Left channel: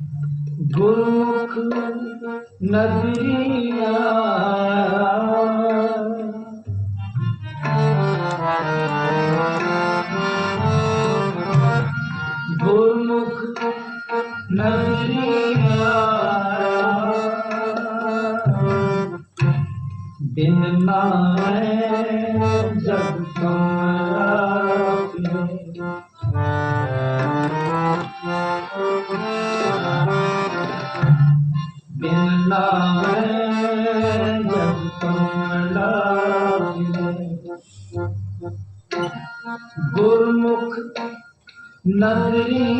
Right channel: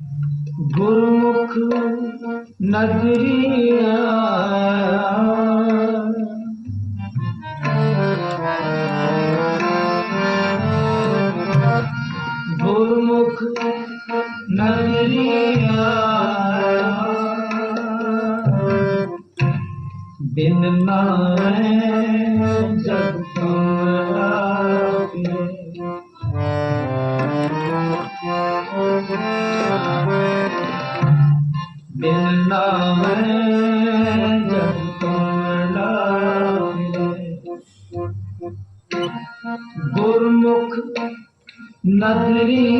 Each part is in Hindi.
भूख नज़रिया। भूख नज़रिया। बिन मैं जब का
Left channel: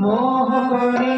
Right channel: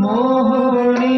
मोहनी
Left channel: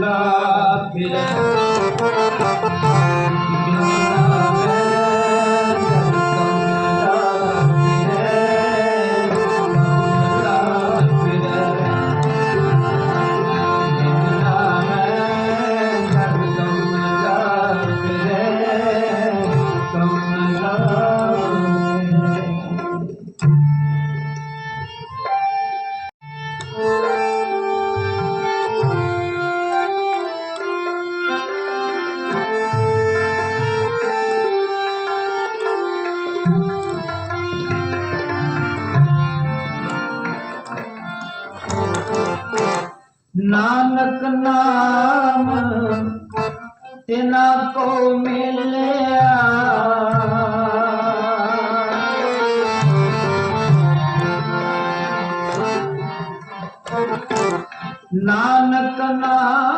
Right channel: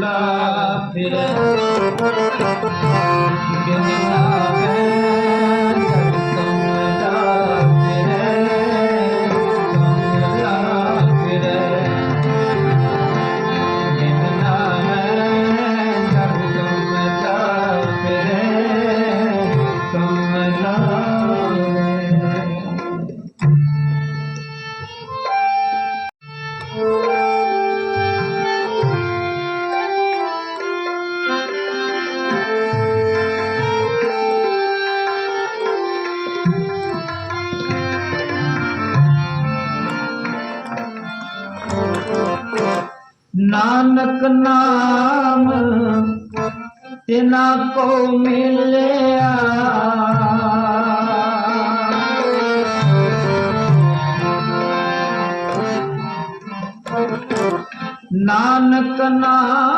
আল্লাহ ਨਾਨਕ ਨਾਮ ਤਿਨਾ ਕੋ ਮਿਲਿਆ। ਨਾਨਕ ਨਾਮ